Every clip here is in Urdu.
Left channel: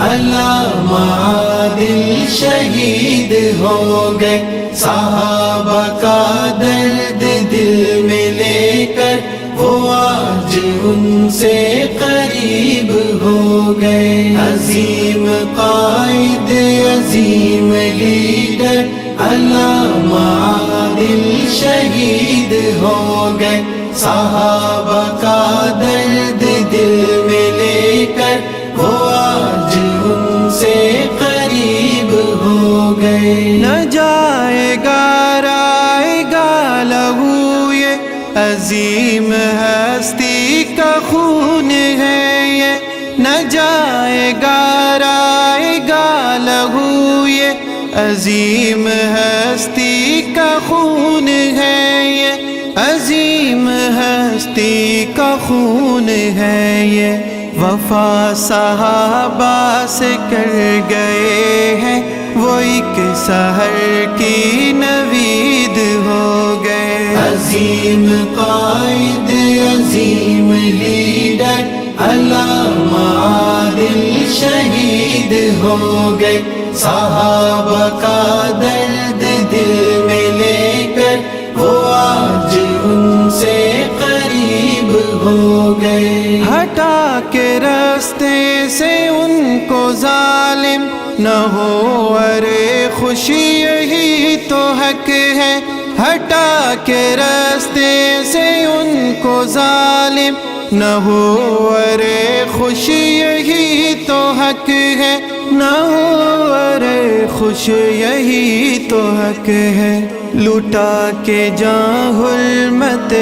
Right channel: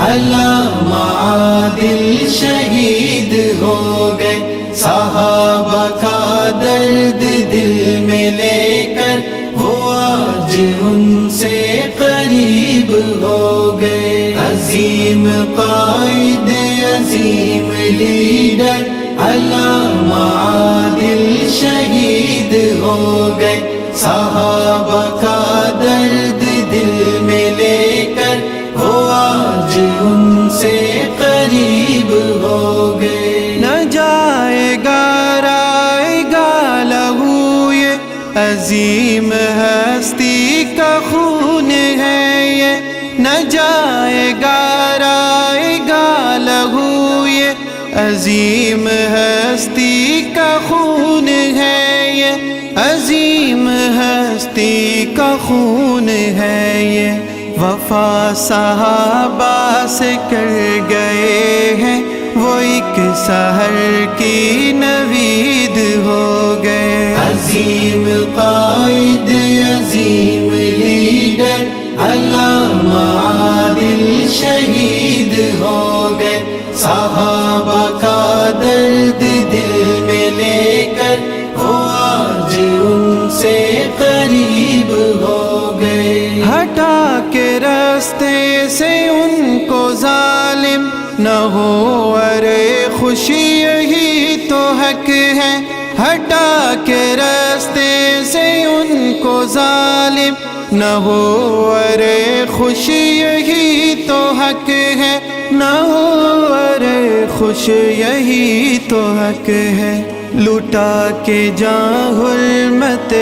علامہ عادل شہید ہو گئے، صحابہ کا درد دل میں لے کر وہ آج ان سے قریب ہو گئے۔ عظیم قائد، عظیم لیڈر، علامہ عادل شہید ہو گئے، صحابہ کا درد دل میں لے کر وہ آج ان سے قریب ہو گئے۔ نہ جائے گا رائے گا لہو یہ عظیم ہستی کا خون ہے یہ، نہ جائے گا رائے گا لہو یہ عظیم ہستی کا خون ہے یہ، عظیم ہستی کا خون ہے یہ۔ وفا صحابہ سے کر گئے ہیں وہ ایک سحر کی نوید ہو گئے۔ عظیم قائد، عظیم لیڈر، علامہ عادل شہید ہو گئے، صحابہ کا درد دل میں لے کر وہ آج ان سے قریب ہو گئے۔ ہٹا کے راستے سے ان کو ظالم نہ ہو، ارے خوشی یہی تو حق ہے۔ ہٹا کے راستے سے ان کو ظالم نہ ہو، ارے خوشی یہی تو حق ہے، نہ ہو ارے خوش یہی تو حق ہے۔ لٹا کے جاں حرمت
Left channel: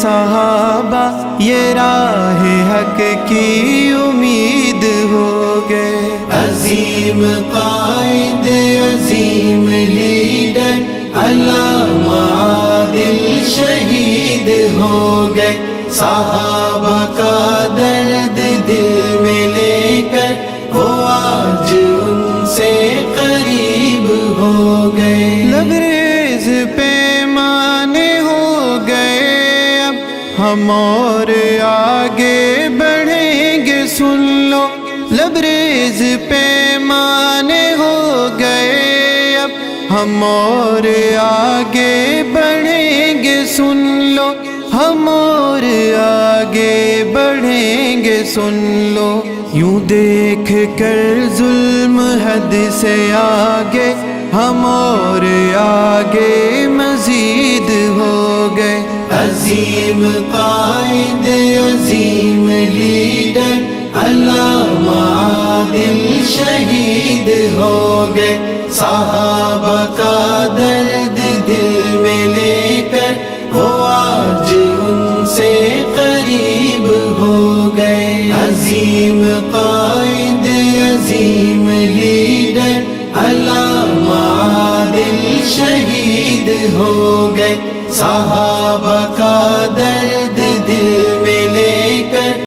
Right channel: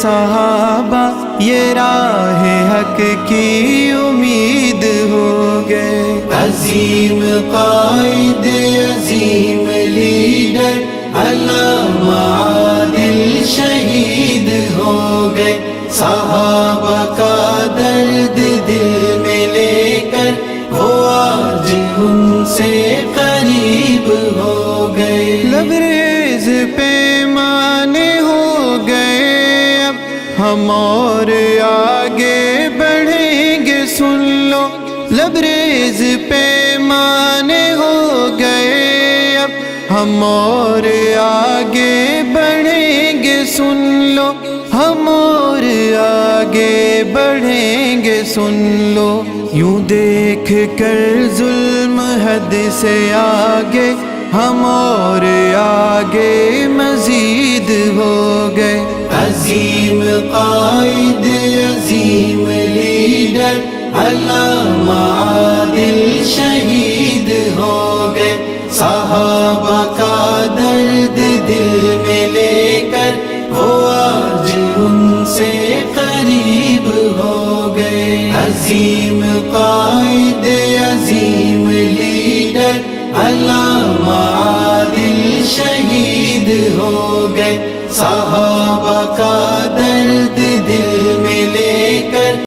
صحابہ یہ راہ حق کی امید ہو گئے۔ عظیم قائد، عظیم لیڈر، علامہ عادل شہید ہو گئے، صحابہ کا درد دل میں لے کر وہ آج ان سے قریب ہو گئے۔ لبریز پیمانے ہو گئے اب ہم اور آگے بڑھیں گے سن لو، لبریز پیمانے ہو گئے اب ہم اور آگے بڑھیں گے سن لو، ہم اور آگے بڑھیں گے سن لو۔ یوں دیکھ کر ظلم حد سے آگے ہم اور آگے مزید ہو گئے۔ عظیم قائد، عظیم لیڈر، علامہ عادل شہید ہو گئے، صحابہ کا درد دل میں لے کر وہ آج ان سے قریب ہو گئے۔ عظیم قائد، عظیم لیڈر، علامہ عادل شہید ہو گئے، صحابہ